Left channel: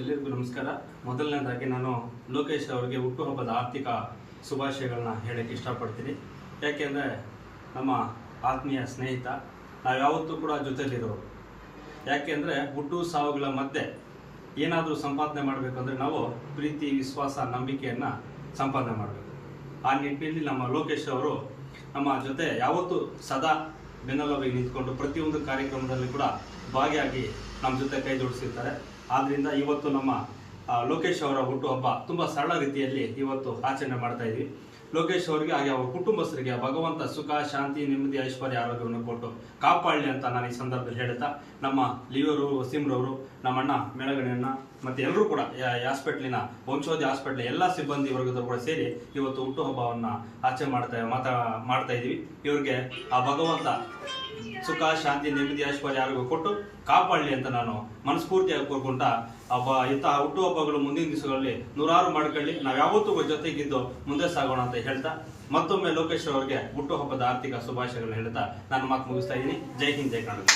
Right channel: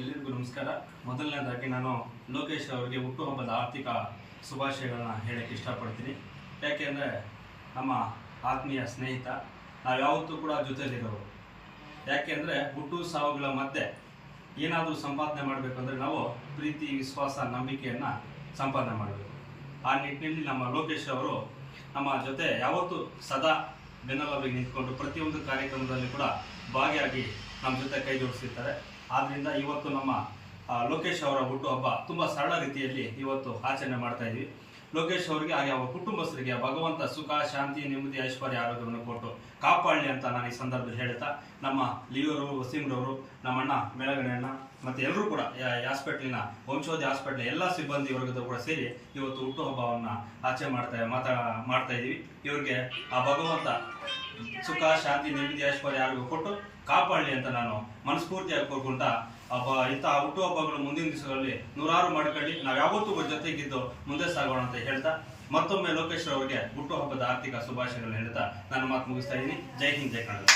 ಎಲ್ಲರಿಗೂ ನಮಸ್ಕಾರ. ಮೊದಲನೇದಾಗಿ ನಾನು ಲೋಕೇಶ್ ಅವರಿಗೆ ಹುಟ್ಟುಹಬ್ಬದ ಆರ್ಥಿಕ ಶುಭಾಶಯಗಳನ್ನ ಹೇಳಕ್ಕೆ ಇಷ್ಟಪಡ್ತೀನಿ. ಯಾಕೆಂದರೆ ನಮ್ಮ ಆತ್ಮೀಯ ಸ್ನೇಹಿತ, ನಾವು ಯಾವತ್ತೂ ಕೂಡ ಜೊತೆಲಿರೋರು. ಯಾಕೆಂದರೆ ಹುಟ್ಟು ಸಾವುಗಳ ಮಧ್ಯೆ ಏನಾದರೂ ಸಂಪಾದನೆ ಮಾಡಬೇಕಂದ್ರೆ ನಾವು ಪ್ರೀತಿ, ವಿಶ್ವಾಸ, ನಂಬಿಕೆಯನ್ನು ಸಂಪಾದನೆ ಮಾಡಬೇಕು. ಆ ನಿಟ್ಟಿನಲ್ಲಿ ನಮ್ಮ ಲೋಕೇಶ್ ಅವರು ನಮ್ಮ ಜೊತೆ ಯಾವತ್ತೂ ಸದಾ ಬೆನ್ನೆಲುಬಿಗೆ ನಿಂತ್ಕೊಂಡು ಪ್ರತಿಯೊಂದು ಕಾರ್ಯಕ್ರಮದಲ್ಲಿ ಕೂಡ ಭಾಗಿಯಾಗಿ ನಮ್ಮ ಜೊತೆ ಕೈ ಜೋಡಿಸಿರ್ತಾರೆ. ಆದ್ದರಿಂದ ಇವತ್ತು ನಮ್ಮ ಲೋಕೇಶ್ ಅವರ ಹುಟ್ಟುಹಬ್ಬ ತುಂಬ ಸರಳ ರೀತಿಯಲ್ಲಿ ಇವತ್ತು ಆಚರಣೆ ಮಾಡ್ತಾ ಇದ್ವಿ. ಲೋಕೇಶ್ ಅವರಿಗೆ ಹಾಗೆ ಅವರ ಕುಟುಂಬಸ್ಥರಿಗೆ ಭಗವಂತ ಸುಖ, ಶಾಂತಿ, ನೆಮ್ಮದಿ, ಐಶ್ವರ್ಯ, ಆರೋಗ್ಯವನ್ನು ಕೊಟ್ಟು ಕಾಪಾಡಲಿ ಅಂತ ನಾನು ಈ ಸಂದರ್ಭದಲ್ಲಿ ಹೇಳ್ತಾ, ನಮ್ಮ ಲಿಯೋರು, ವಸೀಮ್ರವರು, ನಮ್ಮಣ್ಣ ಮೆಳಗಣೆಯಣ್ಣ ಮತ್ತು ಎಲ್ಲರೂ ಕೂಡ ಹಾಸ್ಪಿಟ್ಲಿನ ವಂಶೋಧಿ ಹಾಸ್ಪಿಟ್ಲ್ ಎಲ್ಲ ಸಿಬ್ಬಂದಿ ವರ್ಗದವರು ಕೂಡ ಸೇರಿ ಇವತ್ತು ಹುಟ್ಟುಹಬ್ಬವನ್ನು ಆಚರಣೆ ಮಾಡ್ತಾ ಇದ್ದೀವಿ. ಇವರಿಗೆ ಆ ಭಗವಂತ ಸುಖ, ಶಾಂತಿ, ನೆಮ್ಮದಿ, ಐಶ್ವರ್ಯ, ಆರೋಗ್ಯ ಕೊಟ್ಟು ಕಾಪಾಡಲಿ ಅಂತ ನಾನು ಮನಸ್ಫೂರ್ತಿಯಾಗಿ ಕೋರ್ಕೊಂಡ ಇಂತಹ ಹುಟ್ಟುಹಬ್ಬಗಳು ಮುಂದಿನ ದಿವಸಗಳಲ್ಲಿ ನೂರಾರು ಮಾಡ್ಕೊಳ್ಳಿ, ನಾವು ಯಾವತ್ತೂ ಜೊತೆಗಿದ್ದು ಮುಂದೆ ಸಾಗೋಣ ಅಂತ ಹೇಳ್ತಾ, ಮತ್ತೊಮ್ಮೆ ಲೋಕೇಶ್ ಅವರಿಗೆ ಹುಟ್ಟುಹಬ್ಬದ ಆರ್ಥಿಕ ಶುಭಾಶಯಗಳು ಹೇಳ್ತಾ ನಾನು ಮಾತು ಮುಗಿಸ್ತಾ ಇದ್ದೀನಿ. ಜೈ ಹಿಂದ್, ಜೈ ಕನ್ನಡ.